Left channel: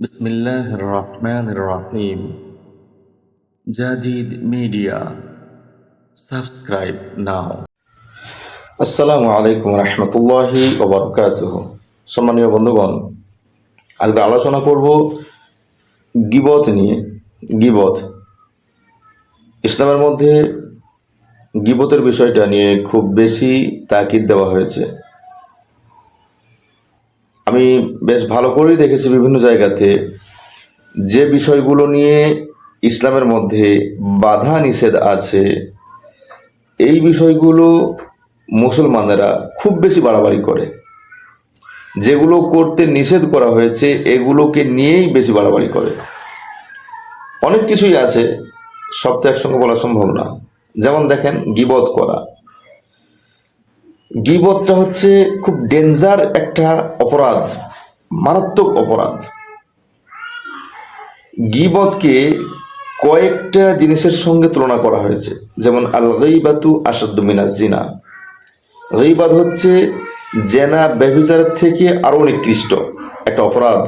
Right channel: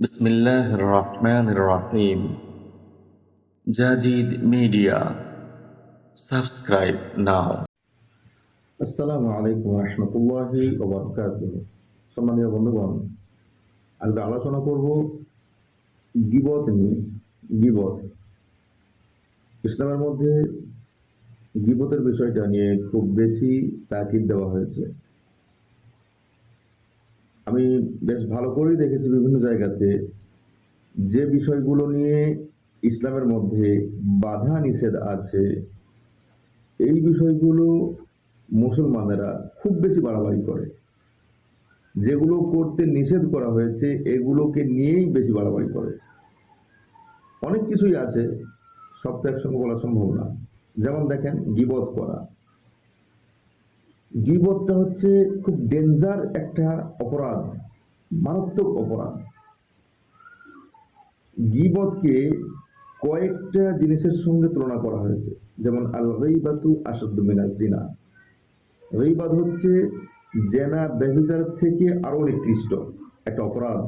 বিসমিল্লাহির রহমানির রহিম। Jadid media, subscribe নাও। আসসালামু আলাইকুম রহমতুল্লাহি ওবরকাতুহ। সম্মানীয় বন্ধুগণ, আজকে আলোচনা করব গীবত নিয়ে। গীবত ইসলামের মধ্যে গীবতের বিষয়টা নিয়ে খুব বেশি তাকিদ দেওয়া হয়েছে। আমি বেশ ভালো করেই দেখেছি বিভিন্ন জায়গাতে যে বিষয়গুলো নিয়ে ইসলামের মধ্যে বাধা নিষেধ আছে, এই বিষয়গুলো মুসলমানেরা খুব বেশি বাড়াবাড়ি করে। যেগুলো করতে নিষেধ করা হয়েছে এগুলোকে নিয়েই বেশি বাড়াবাড়ি করে। অনেক কিছুই আছে, সব তো একসঙ্গে বলা সম্ভব না। যেমন দেখেন, গীবত করা। গীবতটা হচ্ছে খুব ডেঞ্জার একটা অপরাধ, মারাত্মক অপরাধ। গীবতকে কয়েকটা জিনিসের সঙ্গে তুলনা করা হয়েছে। যেমন আল গীবাতু আশাদ্দু মিনাজ জিনা। গীবত হচ্ছে জেনা ব্যভিচারের থেকে আরো নিকৃষ্ট একটা অপরাধ।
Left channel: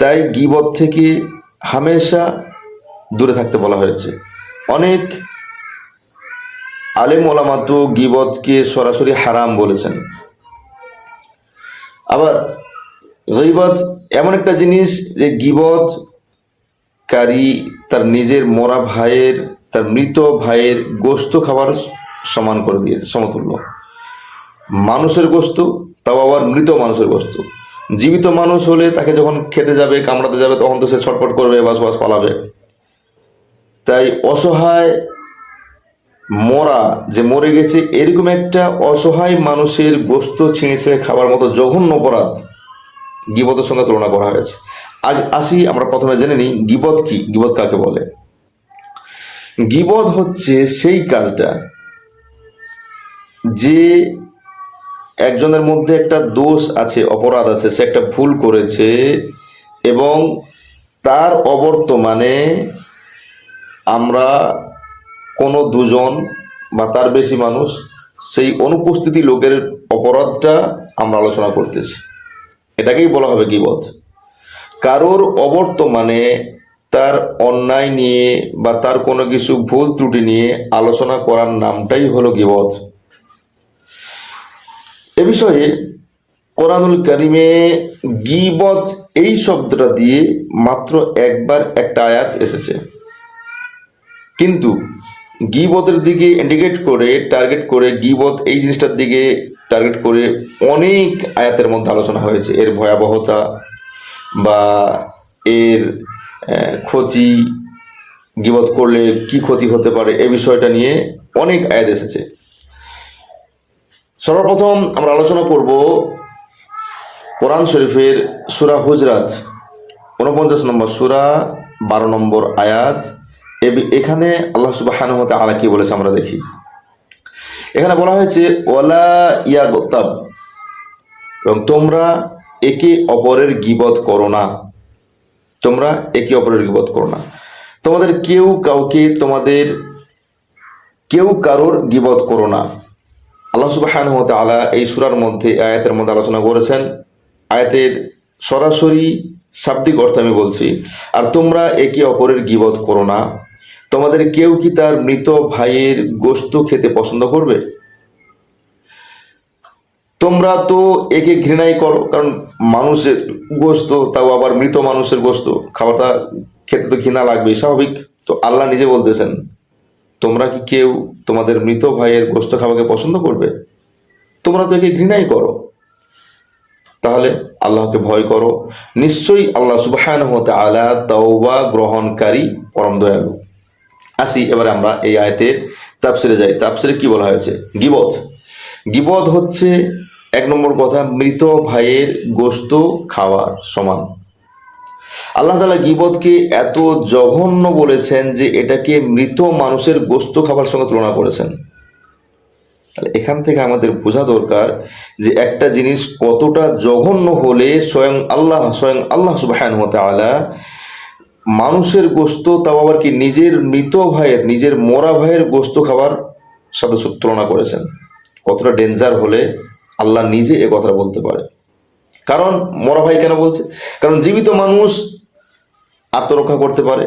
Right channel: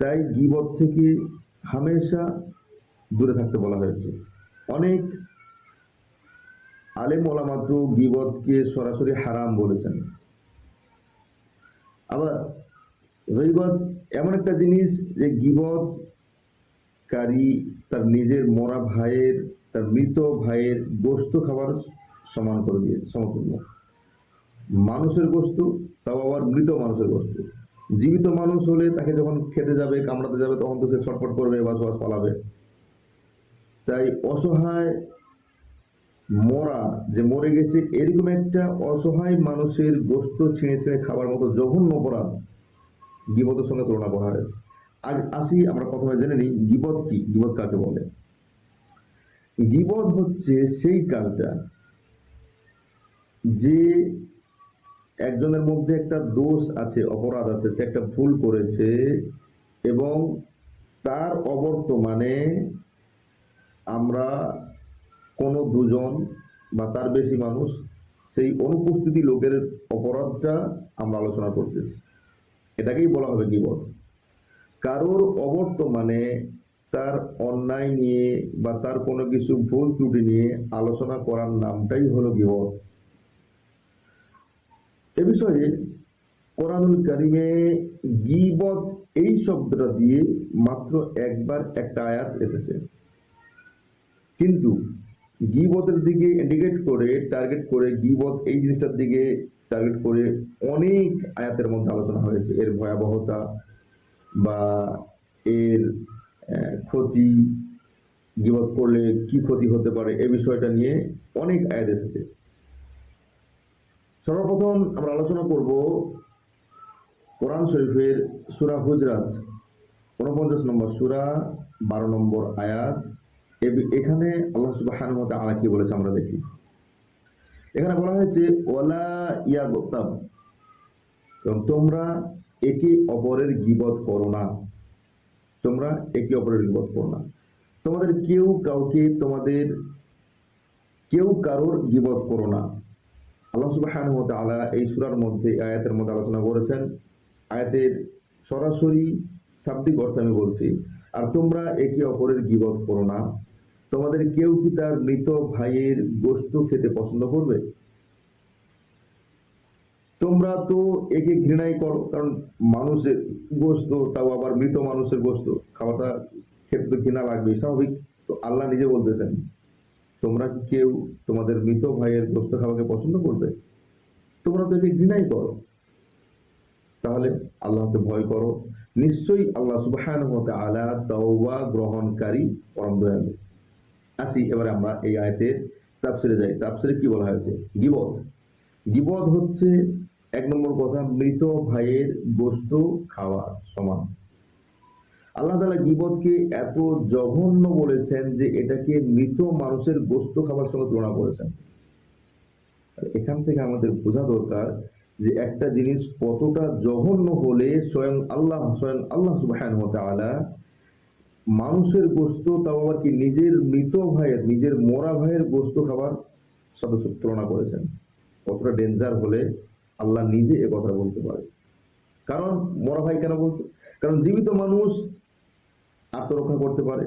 তাই গীবত থেকে হামেশা দূরে থাকতে বলা হয়েছে। অনেক আলেম ওলামা তো গীবতকে সরাসরি হারাম বলেছেন। আবার গীবত এমন একটা জিনিস যে গীবতকারী তার নিজের মরা ভাইয়ের, তার মৃত ভাইয়ের গোশত খাবার সমান করে দিয়েছে, সমতুল্য। মানুষের গোশত, তাও আবার মৃত মানুষের গোশত। জীবিত মানুষ হলে তাকে যখন খেতে যাবে, কামড়াতে যাবে, তখন তো সে ছটফট করবে, বাস বাস পালাবে। তাই অসহায় মরা, যে মরে গেছে এরকম একটা অসহায় মানুষের গোশত ছিঁড়ে ছিঁড়ে খাবার মতো জঘন্য অপরাধ গীবতের সঙ্গে তুলনা করা হয়েছে। আজ আসি, আমরা প্রথমে জেনে নিই গীবত কি, গীবত কাকে বলে। গীবত হচ্ছে সেই কাজটা যে একজনের মধ্যে একটা দোষ আছে, অপরাধ আছে, সে একটা ভুল করেছে এবং তার অবর্তমানে আমরা কোনো দুজন বা তার বেশি মানুষ, সেই অনুপস্থিতি লোকের অপরাধটা আমরা আলোচনা করতেছি, এটাকেই বলা হবে গীবত। কারোর অবর্তমানে তার অন্যায় নিয়ে বা তার কোনো কিছু ভুল ত্রুটি নিয়ে আলোচনা করার নামটাই হলো গীবত। এ বিষয়ে কোরআনুল কারিমে গীবত এই শব্দটা দিয়ে মাত্র একবার একটা আয়াত এসেছে, কিন্তু গীবতের দিকে ইন্ডিকেট করে, টার্গেট করে, গীবত এই জিনিসটার দিকে টার্গেট করে অনেক আয়াতের মধ্যে আলোচনা হয়েছে। এর ভয়াবহতা বা এর ক্ষতি, গীবত করলে কি ক্ষতি হতে পারে, এই বিষয়টা নিয়ে অনেক আয়াত এসেছে। সর্বপ্রথম আমরা আলোচনা করব কোরআন শরীফের সূরা হুজরাত 49 নম্বর সূরা 12 নম্বর আয়াত। এখানে আল্লাহ সুবহানাহু ওয়া তাআলা কি বলেছে আমরা দেখি। এখানে বলা হয়েছে ওয়ালা ইয়াগতাব, এবং তোমরা একে অপরের গীবত করো না। তোমরা একে অপরের গীবত করো না। তোমাদের কেউ কাউকে, তোমাদের কেউ কারোর গীবত করো না। আল্লাহ সুবহানাহু ওয়া তাআলা এই সূরার মধ্যে, আয়াতের মধ্যে আলোচনা করেছেন। আয়াতের সরাসরি শাব্দিক অর্থ আমি বলছি, আর তোমরা একে অপরের গীবত করো না। তোমাদের কেউ কি তার মৃত ভাইয়ের গোশত খেতে পছন্দ করবে? তোমরা তো একে ঘৃণাই করো, কারণ মানুষের গোশত, তাও আবার মৃত মানুষের গোশত, খাবারটা খেতে তো ঘৃণা লাগবেই, স্বাভাবিক। তো আল্লাহ নিজে বলতেছেন, তোমরা কি কেউ তোমাদের মৃত ভাইয়ের গোশত খাওয়াকে পছন্দ করবে? তোমরা তো একে ঘৃণাই করো। তাহলে আল্লাহকে ভয় করো, নিশ্চয়ই আল্লাহ সুবহানাহু ওয়া তাআলা তাওবা গ্রহণকারী, পরম দয়ালু। আসি এবারে আমরা এই আয়াতের তাফসিরে যাই। তাফসিরে কি বলা হয়েছে? গীবত, গীবত হচ্ছে এক নম্বর কথা, মৃত ভাইয়ের গোশত খাওয়ার সমান। আল্লাহ তাআলা গীবতকে এত জঘন্য বলেছেন যে এটাকে মৃত মানুষের গোশত খাবার সঙ্গে তুলনা করেছেন। তাহলে এখান থেকে আমাদের বোঝা দরকার যে একটা জিনিস কতটা জঘন্য হলে স্বয়ং আল্লাহ সুবহানাহু ওয়া তাআলা মানুষের গোশত, তাও আবার কি নিজের মৃত ভাইয়ের, নিজের মরা ভাইয়ের গোশত খাবার সাথে তুলনা করেছেন। কতটা ডেঞ্জার হলে আল্লাহ নিজে এ কথা বলতে পারে। কারণ মরা ভাই কেন বলছে? কারণ জীবিত মানুষ আত্মরক্ষা করতে পারে,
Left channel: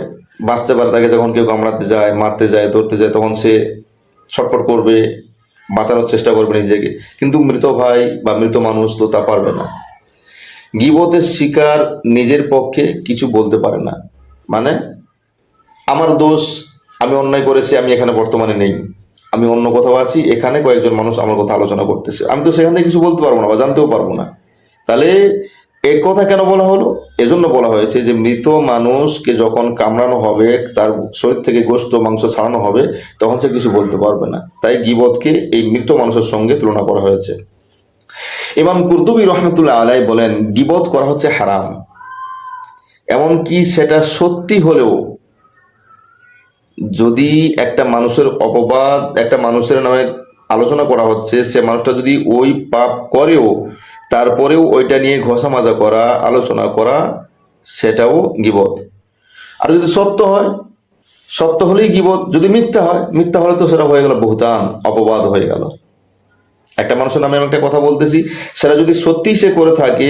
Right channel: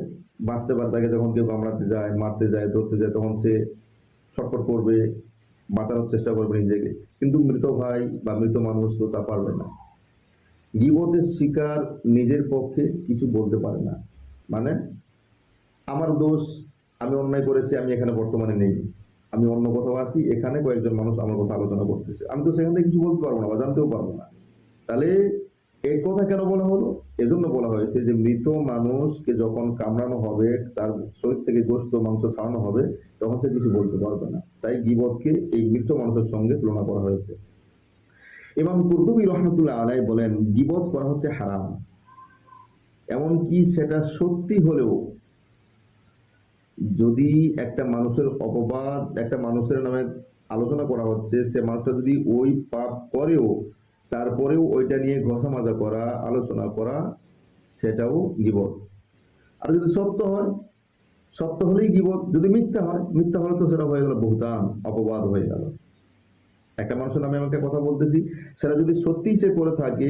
বাঁচতে পারে। তাকে যখন কেউ কামড়াতে যায়, মারতে যায়, ধরতে যায়, তখন সে ছটফট করবে, বাঁচানোর চেষ্টা করবে নিজেকে। কিন্তু মৃত ভাই বা মৃত মানুষ তো তা পারবে না। গীবতের শিকার নিজের পক্ষে কিছু বলতে পারে না। মানে আমার দোষ, আমি অন্যায় করেছি, আমি এখানে বর্তমানে নেই, আমি অন্য কোথাও আছি, এখানে কয়েকজন মানুষ আমার কথা আলোচনা করতেছে, আমি তো সেখান থেকে কিছু বলতে পারবো না বা জানতেও পারবো না। তাহলে এ কথা কেন বলা হলো? এজন্য বলা হয়েছে যে মৃত মানুষকে যখন কামড়ানো হবে, তার শরীর থেকে গোশত মাংস ছাড়ানো হবে, তখন সে কিছু বলতে পারবে না। তাই গীবতকে এই মৃত মানুষের সঙ্গে তুলনা করা হয়েছে। ইমাম কুরতুবী রহমতুল্লাহ আলাই বলেন, গীবত করা হচ্ছে হারাম। এমনকি সেটা সত্যি হলেও, যদি একটা মানুষের অপবাদ, একটা মানুষের নামে আলোচনা করা হচ্ছে, সে মানুষটা যদি ওই পাপ করেও তারপরেও ওইটা নিয়ে ঘষা মাজা করা, আলোচনা করা, সেটাও গীবত। আর যদি সত্য হয়, সত্য হলেই গীবত। যদি মিথ্যা হয়, মিথ্যা হলে তো সেটা হয়ে গেল বুহতান, অপবাদ হয়ে গেল। একটা মানুষের নামে আমি একটা কথা বলতেছি, সেটা যদি সত্যিই সে করে থাকে,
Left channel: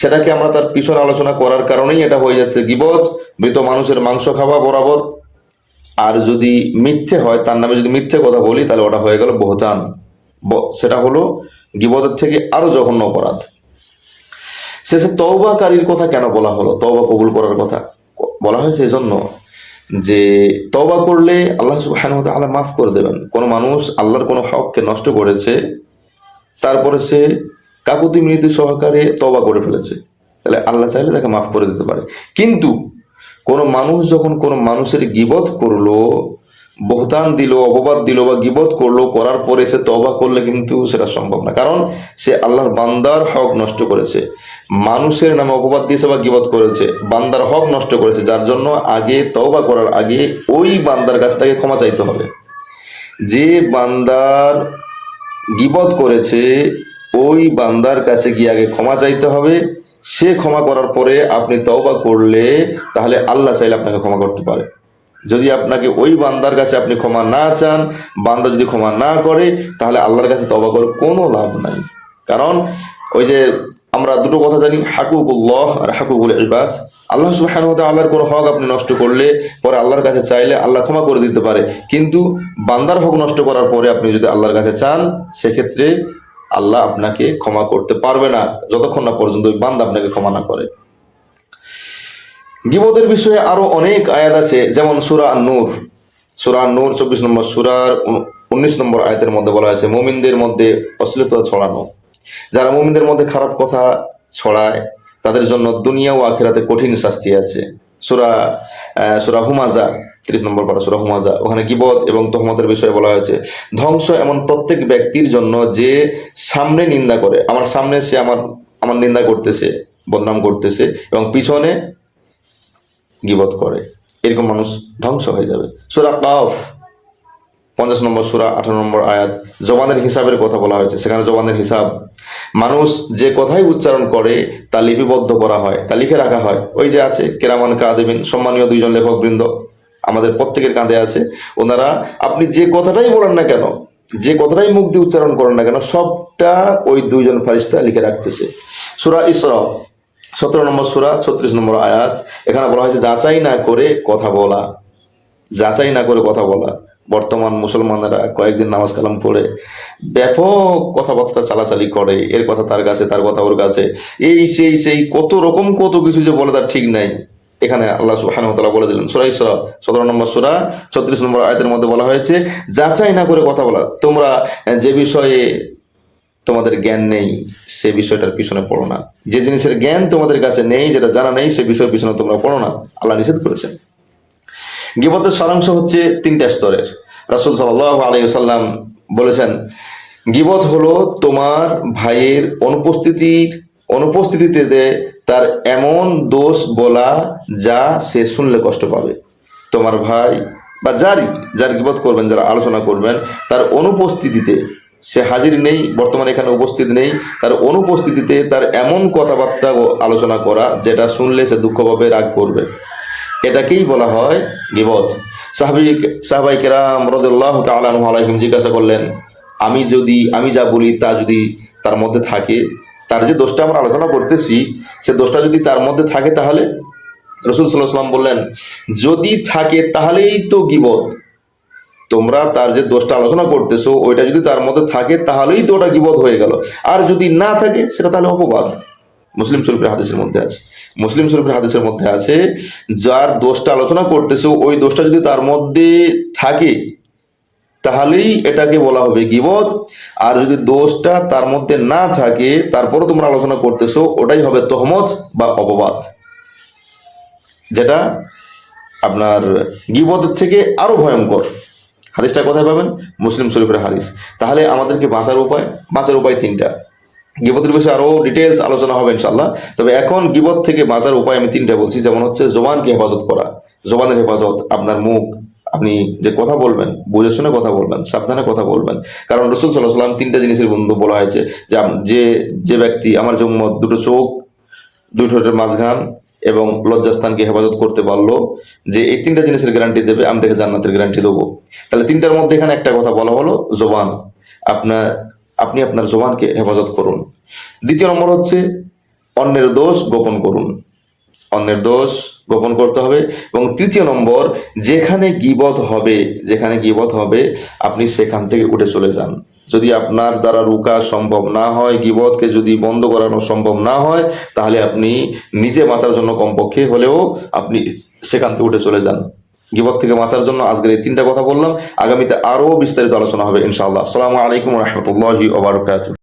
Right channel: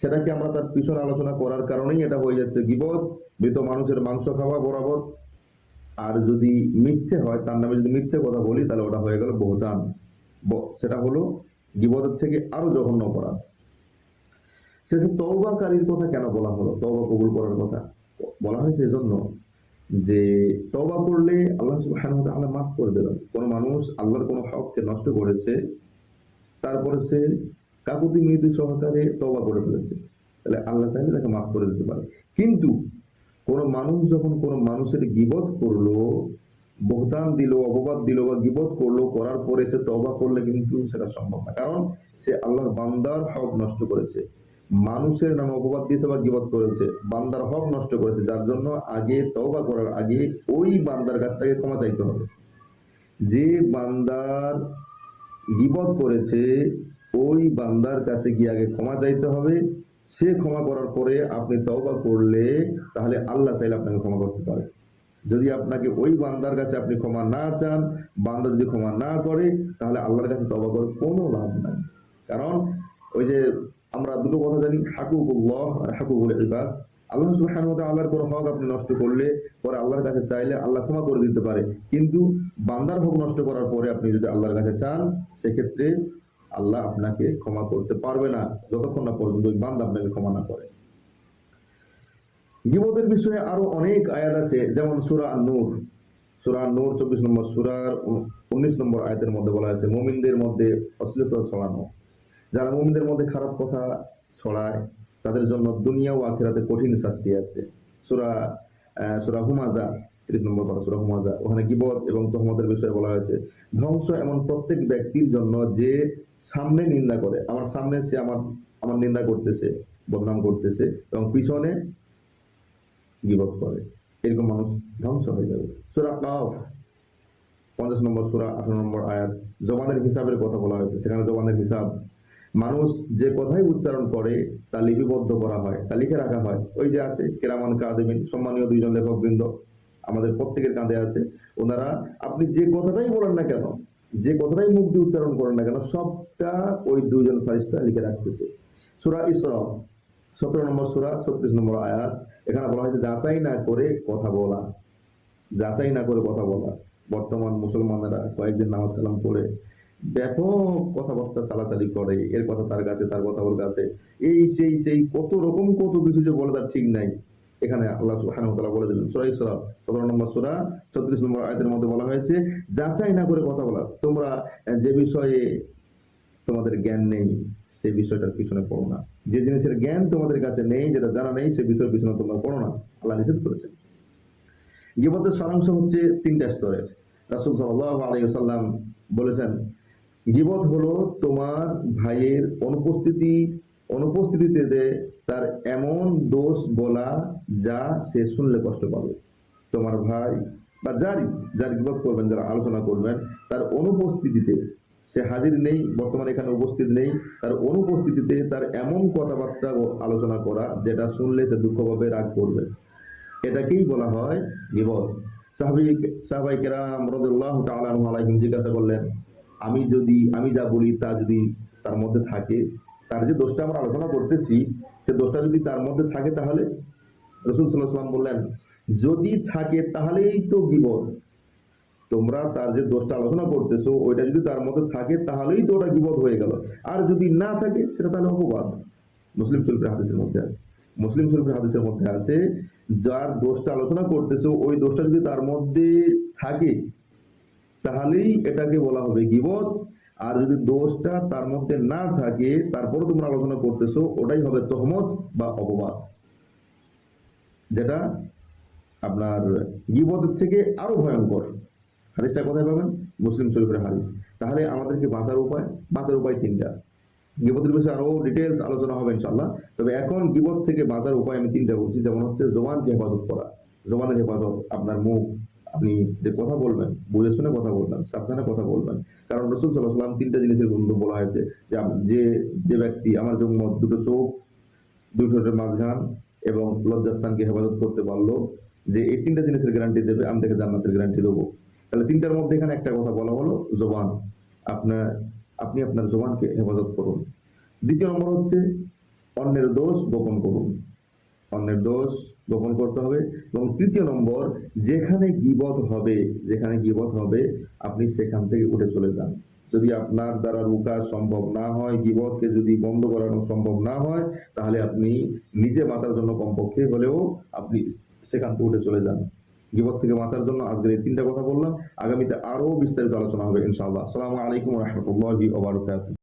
সেটাকে আমরা তার পিছনে আলোচনা করার কারণেই এটা হয়ে যাচ্ছে গীবত, মৃত মানুষের মাংস খাওয়া বরাবর। আর যদি মিথ্যে হয়, তার নামে যদি মিথ্যে কথা বলি, তাহলে ওটা হয়ে গেল বহতান। সেটা হলো গীবতের থেকে আরো জঘন্য অপরাধ। শেষে তওবাকারীর কথা কেন বলা হলো? তওবা কবুল করার কথা বলা হয়েছে এই জন্য যে তওবা করলে আল্লাহ সুবহানাহু ওয়া তাআলা মাফ করে দেবেন। কোনো মানুষ আল্লাহর কোনো হককে নষ্ট করেছে, তারপরে সে কাকুতি মিনতি সহকারে তওবা করে ফেলেছে, তাহলে আল্লাহ চাইলে তাকে মাফ করে দিতে পারে। কিন্তু কোনো মানুষ যখন কোনো মানুষের গীবত করলো, বহতান দিল, অপবাদ দিল বা গীবত করলো, করার পরে সে তওবা করলে কিন্তু সেটা সম্ভব না। কারণ সে আল্লাহর বান্দার হক নষ্ট করেছে, মানুষের নামে অপবাদ দিয়েছে বা গীবত করেছে, বান্দার হক নষ্ট করেছে, যার জন্য আগে তওবা করার আগে ওই বান্দার কাছ থেকে ক্ষমা চাইতে হবে। যে বান্দার গীবত করেছে ওই বান্দার কাছে গিয়ে আগে ক্ষমা চাইতে হবে। সে ক্ষমা করার পরে আপনি তওবা করলে, তাহলে আল্লাহ চাইলে আপনাকে ক্ষমা করতে পারে। যদি আপনাকে ওই বান্দার কাছে আপনি ক্ষমা না চান, বান্দা যদি ক্ষমা না করে, তাহলে আল্লাহর কাছে তওবা করে কোনো লাভ নাই। কারণ ওই যে আমরা দুটো কথা জানি, হাকুকুল্লাহ আর হাকুকুল ইবাদ। আল্লাহ সুবহানাহু ওয়া তাআলার কোনো হক আপনি নষ্ট করলে পরে আল্লাহর কাছে চাইলে আল্লাহ ক্ষমা করে দিতে পারে, কিন্তু বান্দার হক নষ্ট করার পরে আপনি যদি আল্লাহর কাছে চান, সেক্ষেত্রে আল্লাহ আপনাকে ক্ষমা করতে পারবে না, যতক্ষণ না পর্যন্ত ওই বান্দা আপনাকে ক্ষমা না করে। গীবতের বিষয়ে আরো অনেক আয়াত আছে, যেমন সূরা আন-নূর, সূরা আন-নূর 24 নম্বর সূরার 19 নম্বর আয়াতের মধ্যে বলা হয়েছে মুমিনদের মধ্যে অশ্লীলতা ছড়ানো। যারা মুমিনদের মধ্যে খারাপ কথা ছড়ায়, তাদের জন্য দুনিয়া ও আখিরাতে কঠিন শাস্তি আছে। সূরা সূরা হুমাজা 30 নম্বর পারা, সূরা হুমাজা, ওখানে গীবত এবং তহমতের বিষয়ে বলা হয়েছে, ধ্বংস এমন প্রত্যেক ব্যক্তির জন্য যে সামনে নিন্দা করে, আমার সামনে সে আমার নিন্দা করতেছে, বদনাম করতেছে, এবং পিছনে গীবত করে, এরকম মানুষ ধ্বংস হয়ে যাবে। সূরা কাফ 50 নম্বর সূরা 18 নম্বর আয়াত, জবানের হিসাবের কথা বলা হয়েছে। সেখানে জবানের হিসাব, মানুষ যে কথাই উচ্চারণ করে তা লিপিবদ্ধ করা হয়, তা লিখে রাখা হয়। ওই যে আছে কেরামান কাদিবিন, সম্মানীয় দুইজন লেখক বৃন্দ আমাদের প্রত্যেকের কাঁধে আছে। ওনারা আপনি যে কথাটাই বলেন না কেন, যে কথাটাই মুখ দিয়ে উচ্চারণ করেন না কেন, সবটা ওই দুইজন ফারিস্তা লিখে রাখতেছে। সূরা ইসরা 17 নম্বর সূরা 36 নম্বর আয়াত, এখানে বলা হয়েছে যাচাই না করে কথা বলা, যাচাই না করে কথা বলা। বর্তমান মুসলমানেরা কয়েকদিন নামাজ কালাম পড়ে ব্যাপক কথাবার্তা চালাচালি করে, এর কথা তার কাছে, তার কথা ওর কাছে, এই সেই কত রকম কত কিছু যে বলে তার ঠিক নাই। এখানে আল্লাহ সুবহানাহু ওয়া তাআলা বলে দিলেন, সূরা ইসরা 17 নম্বর সূরা 36 নম্বর আয়াতের মধ্যে বলা হয়েছে যাচাই না করে কথা বলা। তোমরা যে বিষয়ে তোমাদের জ্ঞান নেই সে বিষয়টার পিছনে পড়ো না, যে জিনিসের জ্ঞান তোমাদের কাছে নেই, যেটা জানা নেই, সে বিষয়ের পিছনে তোমরা পড়ো না, আল্লাহ নিষেধ করেছেন। গীবতের সারাংশ হচ্ছে 3টা স্তরের। রাসূল সাল্লাল্লাহু আলাইহি ওয়াসাল্লাম বলেছেন, গীবত হলো তোমার ভাইয়ের অনুপস্থিতিতে তার এমন দোষ বলা যা সে শুনলে কষ্ট পাবে। তোমার ভাই বা যার গীবত করবেন, যারা আলোচনা করবেন, তার অনুপস্থিতিতে, সে হাজির নেই, বর্তমানে এখানে উপস্থিত নেই, তার অনুপস্থিতিতে তার এমন কথাবার্তা আলোচনা করা যেটা শুনলে সে দুঃখ পাবে, রাগ করবে, এটাকেই বলা হয় গীবত। সাহাবাই কেরাম রাদিয়াল্লাহু তাআলা আনহুম জিজ্ঞাসা করলেন, আমি যা বলি তা যদি তার মধ্যে থাকে, তার যে দোষটা আমরা আলোচনা করতেছি সে দোষটা যদি তার মধ্যে থাকে তাহলে রসুল সাল্লাল্লাহু আলাইহি ওয়াসাল্লাম বললেন যদি থাকে তাহলেই তো গীবত। তোমরা তার যে দোষটা আলোচনা করতেছো ওইটা যদি তার মধ্যে থাকে তাহলেই তো ওটা গীবত হয়ে গেল, আর যদি না থাকে সেটা তাহলে অপবাদ। মুসলিম শরীফের হাদিসের মধ্যে আছে, মুসলিম শরীফের হাদিসের মধ্যে আছে, যার দোষটা আলোচনা করতেছো ওই দোষটা যদি তার মধ্যে থাকে তাহলেই এটাকে বলা হবে গীবত, আর যদি দোষটা তার মধ্যে না থাকে তারপরও তোমরা আলোচনা করতেছো ওটাই হবে তহমত বা অপবাদ, যেটা আপনার গীবতের থেকে আরো ভয়ঙ্কর। হাদিসটা কোথায় পাবেন? মুসলিম শরীফের হাদিস। তাহলে আমাদেরকে বাঁচার উপায় তিনটা। গীবতের বিষয়ে আরো ডিটেলস আলোচনা হবে ইনশাল্লাহ, তবে এখন গীবত থেকে বাঁচার উপায় আমি তিনটা বলছি। যেমন হচ্ছে জবানকে হেফাজত করা, জবানের হেফাজত, আপনার মুখ, আপনি যে কথা বলবেন বুঝে শুনে কথা বলবেন, সাবধানে কথা বলবেন। কারণ রসুল সাল্লাল্লাহু আলাইহি ওয়াসাল্লাম তিনটা জিনিসের বন্ধু বলা হয়েছে যে যে যে ব্যক্তি আমার যে উম্মত দুটো চোখ, দুই ঠোঁটের মাঝখান এবং লজ্জাস্থানকে হেফাজত করতে পারলো, যে এই তিনটা জিনিসের গ্যারান্টি দেবে আমি তাকে জান্নাতের গ্যারান্টি দেবো। তাহলে তিনটার মধ্যে এখানে একটা কথা বলা হলো জবান, আপনি আপনার জবানকে হেফাজত করুন। দ্বিতীয় নম্বর হচ্ছে অন্যের দোষ গোপন করুন, অন্যের দোষ গোপন করতে হবে। এবং তৃতীয় নম্বর, যেখানে গীবত হবে আপনি সেখান থেকে উঠে চলে যান। যদি আপনার দ্বারা রুকা সম্ভব না হয়, গীবতকে যদি বন্ধ করানো সম্ভব না হয়, তাহলে আপনি নিজে বাঁচার জন্য কমপক্ষে হলেও আপনি সেখান থেকে উঠে চলে যান। গীবত থেকে বাঁচার জন্য আজকের এই তিনটা কথা বললাম, আগামীতে আরো বিস্তারিত আলোচনা হবে ইনশাআল্লাহ। আসসালামু আলাইকুম ওয়া রাহমাতুল্লাহি ওয়া বারাকাতুহু।